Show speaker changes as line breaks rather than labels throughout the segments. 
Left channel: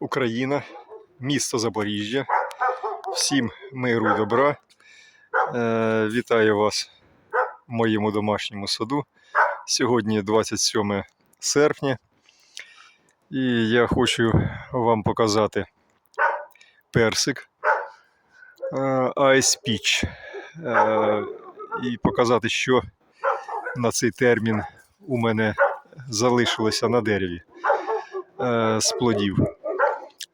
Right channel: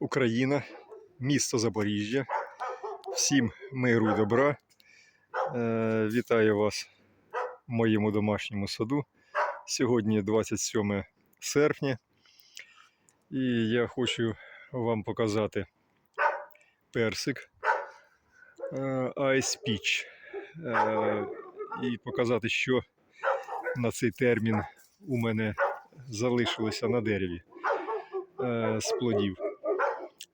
Україна, місто Запоріжжя. Всім миру добра. Е, вітаю вас в моєму домашньому саду. Сьогодні 27 серпня. І я хочу вам показати персик е, Ice Peach. Е, і показати, що на цей термін у мене залишилося на дереві е, з плодів.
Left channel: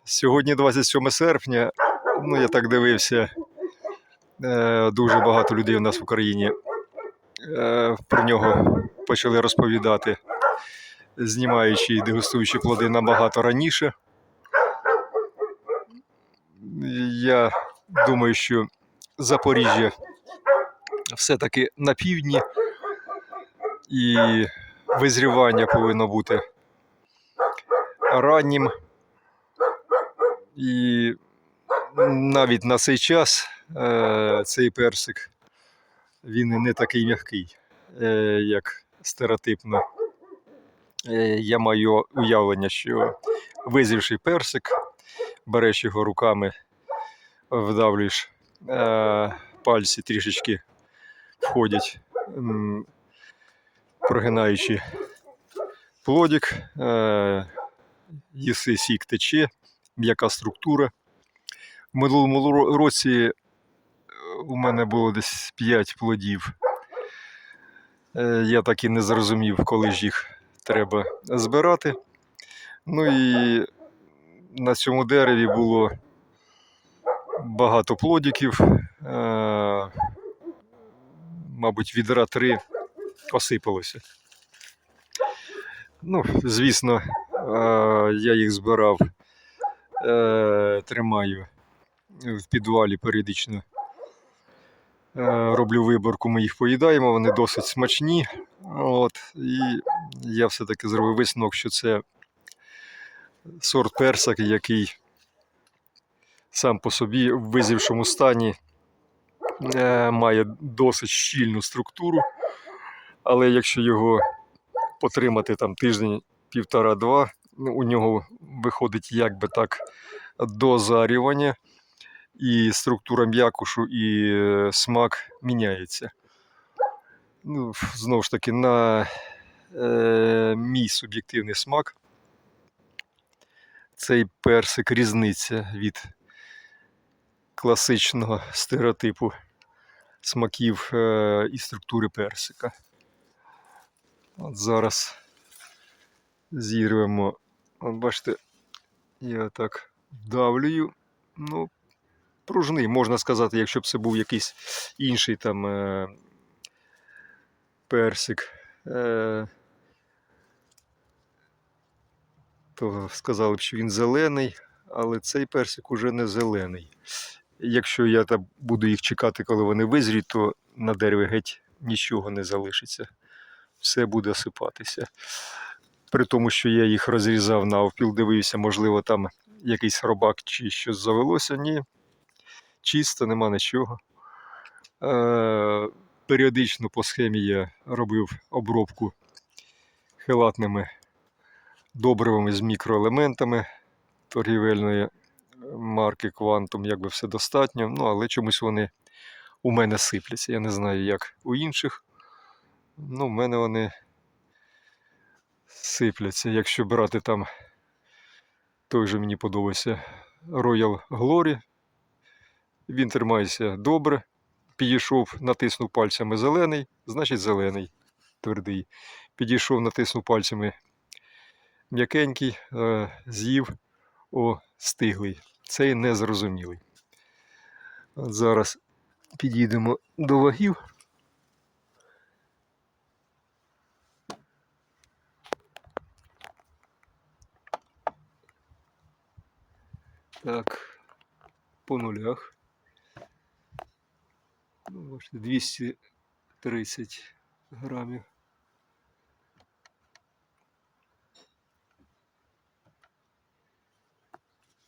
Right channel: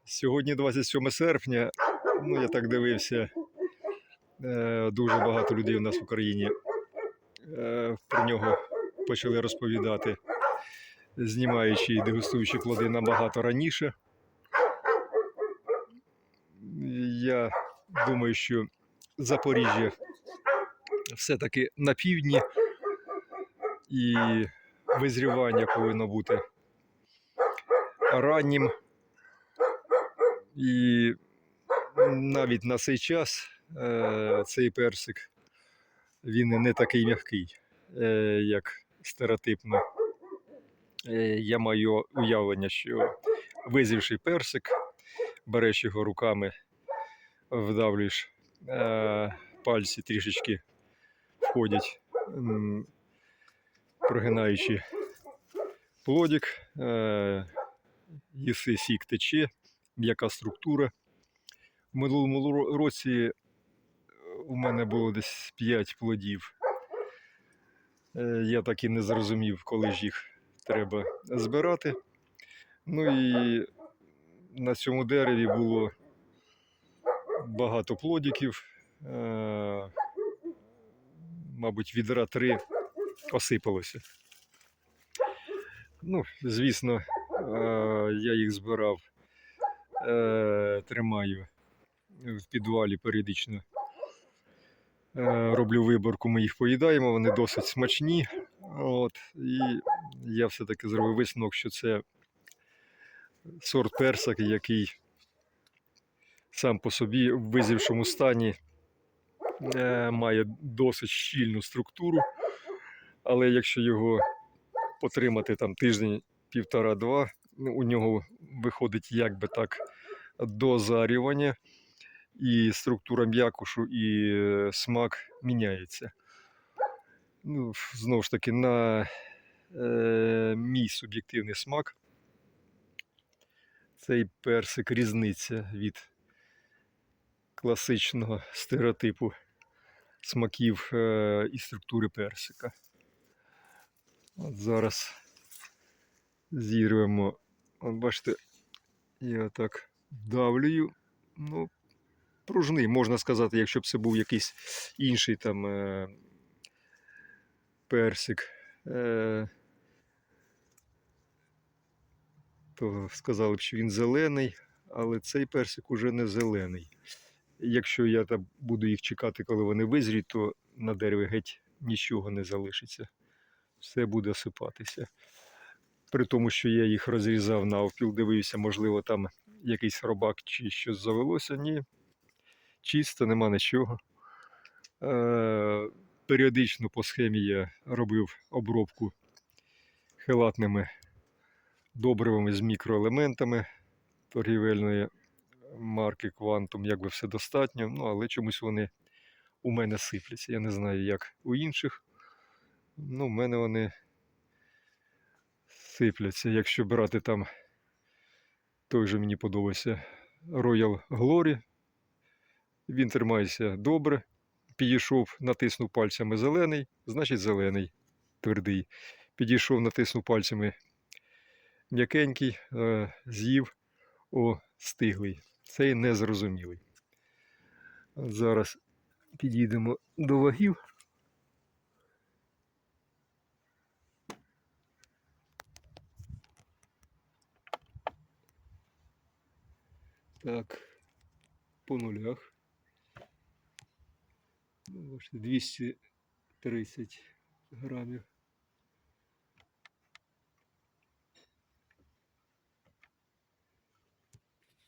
Сьогодні 27 серпня. Ну, я так дивився. е, Дуже багато людей у нас в Україні е, про нього почали розповідати, знімаючи і дегустуючи плоди набагато раніше. Я думаю, що Запоріжжя все-таки на півдні, і визрівання повинно бути раннім. І навіть на цей час е, цей персик він не такий м'який, е, як стереотипно. Е, я маю уявлення, що визрівший персик, береш його руками, вдавлюєш, пальці трішечки входять, прогинаючи плодик, їси сік тече, м'яка структура. В минулому році е, у мене було десь 5 плодів. Е, Я так і не зрозумів, коли ж їх треба збирати. Ну і на цьому дереві було багато плодиків. Е, Мабуть, відра три осипалося. Ну, звісно, я їх збирав, е, тримаю в підвалі періодично. Е, Роблю виборку, ми їх поїдаємо, вони досить смачні. От, і я все-таки зробив висновок, що це сорт персик, який сам по собі в визрівшому стані е, має досить щільну структуру. Але якщо його потримати там тиждень, півтора-два, у нього виходить як би так дозарювання, і структура м'якушу, і е, смак міняється. Ну, знову ж таки, на е, мій суб'єктивний смак. Цей персик різниця від класичного стереотипу смаків е, і структури персика. От зараз зірвемо. Бачите, я так давлюю. Ну, пружний, можна сказати, якщо б це був якийсь інший там е, персик. Е, то сказали б, що він зелений, але цей персик уже не зелений. Якщо я там буду їх чекати, коли вони визріють, то на дереві геть нічого не залишиться. Все буде осипатися. При тому, що я їх розрізав навпіл, дивився, можливо, там якийсь робак чи щось завелося. Ні. Чисто, нема нічого. Е, періодично по схемі я робив обробку хелатними добривами з мікроелементами торгівельної марки Quantum, якби все достатньо. Ну, але чомусь вони у мене сипляться. Я не знаю, як у інших. Ну, в мене вони сипляться. Якщо брати там той же мені подобається Royal Glory, він тримається добре. Підійшов, натиснув пальцями зелений, значить зелений, твердий. Підійшов, натиснув пальцями м'якенький, е, з'їв, о, стиглий. Цей незрозумілий. От зараз підійдемо до вагів. Так, по нулях. Ну, бачите, 230 грамів.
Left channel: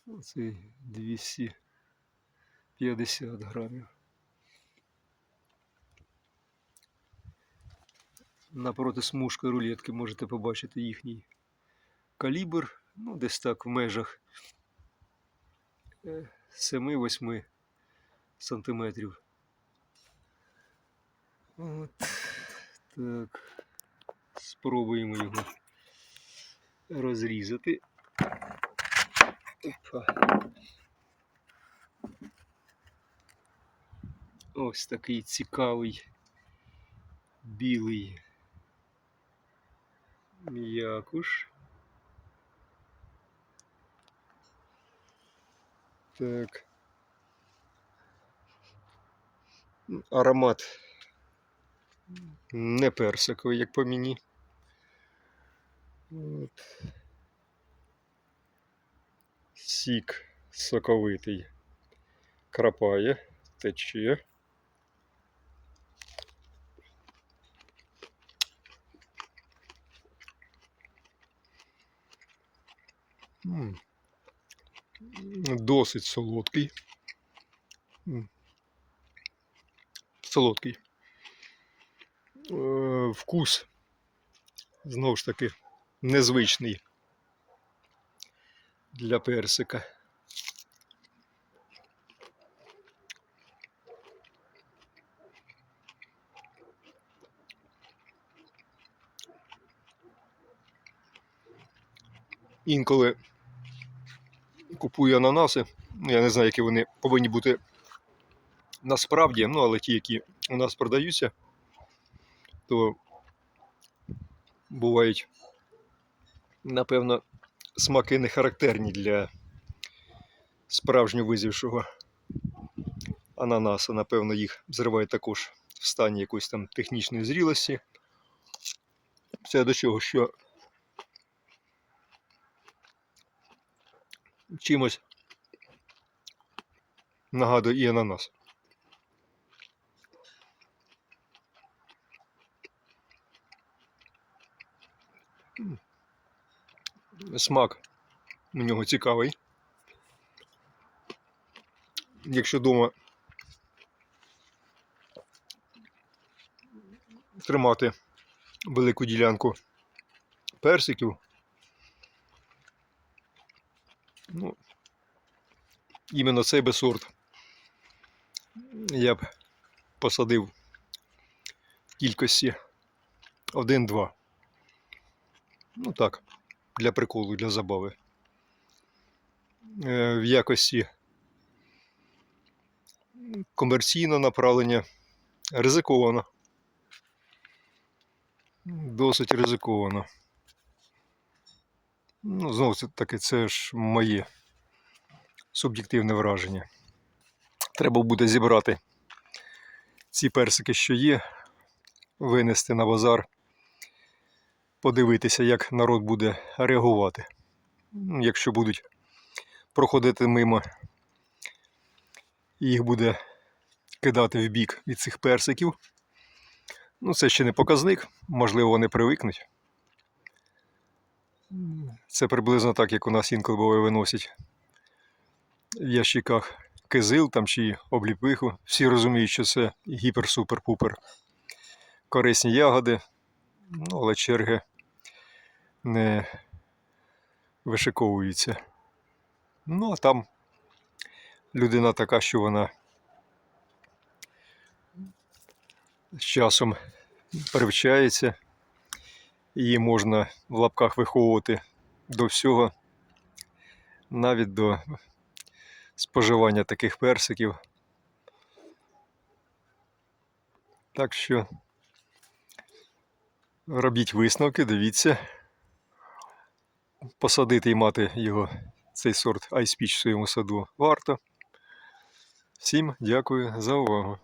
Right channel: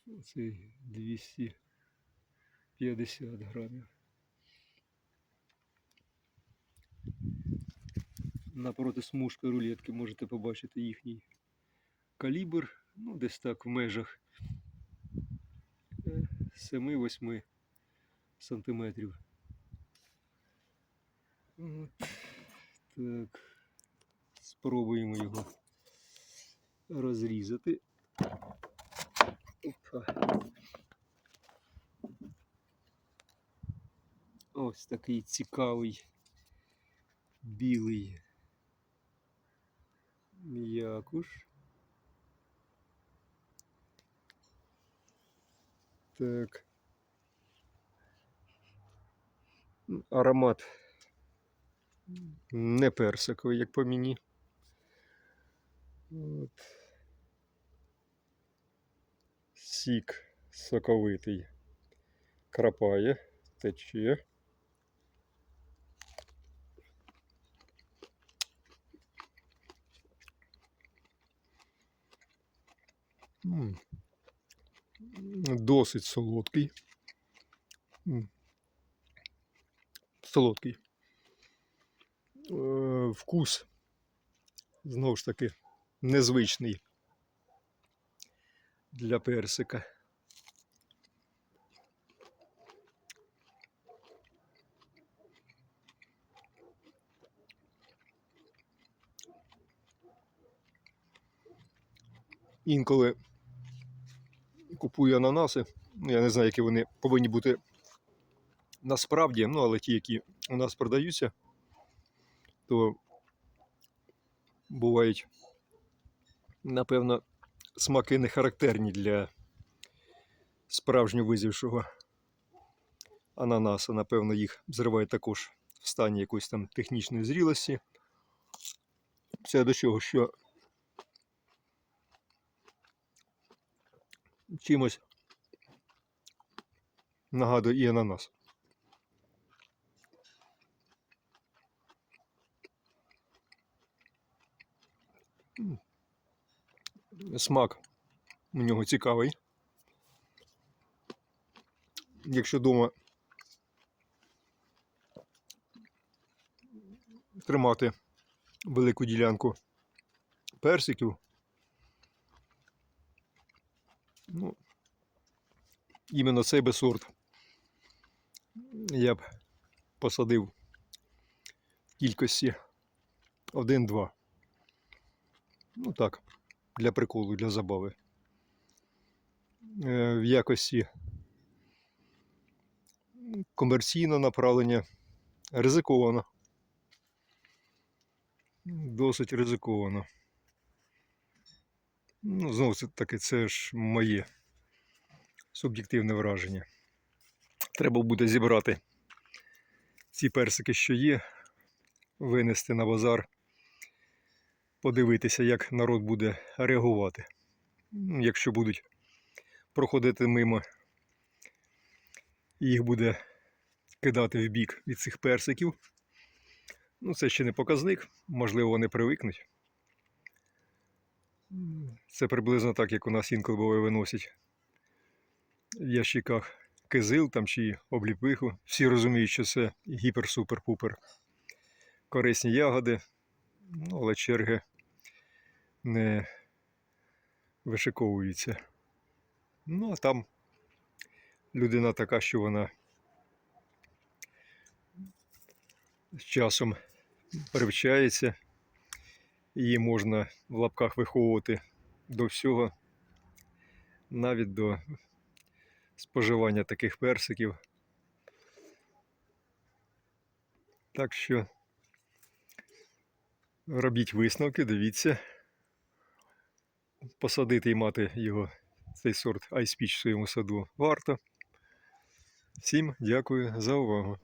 Оце 250 грамів. Напроти смужки рулетки можете побачити їхній калібр, ну, десь так в межах 7-8 сантиметрів. От. Так. Спробуємо його розрізати. Опа. Ось такий цікавий білий м'якуш. Так. Аромат не персиковий, як по мені. От. Сік соковитий. Крапає, тече. М. Досить солодкий. Солодкий. Е, Вкус знову ж таки незвичний для персика. Інколи купую ананаси. Я не знаю, які вони повинні бути насправді, ну, але ті, які у нас продаються, то бувають, напевно, смаки не характерні для справжньо визівшого ананаса. Напевно, їх зривають також в стані якоїсь там технічної зрілості. Це до чого, що чимось нагадує і ананас. Смак у нього цікавий. Якщо вдома тримати велику ділянку персиків, ну, іменно цей би сорт я б посадив в кількості 1-2. Ну так, для приколу, для забави. Е, В якості комерційного направлення ризиковано. Досить ризиковано. Ну, знову таки, це ж моє суб'єктивне враження. Треба буде зібрати ці персики, що є, винести на базар, подивитися, як народ буде реагувати. Якщо будуть проходити мимо, їх буде кидати в бік від цих персиків. Ну, це ще не показник, можливо, вони привикнуть. Це приблизно так, як у нас інколи буває виносять в ящиках кизил там чи обліпиху. Всі розуміють, що це гіпер-супер-пупер. Корисні ягоди, ну, але черги не вишиковуються. Ну, а там людина така, що вона з часом привчається, її можна в лапках виховувати до всього, навіть до споживання таких персиків. Так що робіть висновки, дивіться. Посадити і мати його, цей сорт Peach в своєму саду варто. Всім дякую за увагу.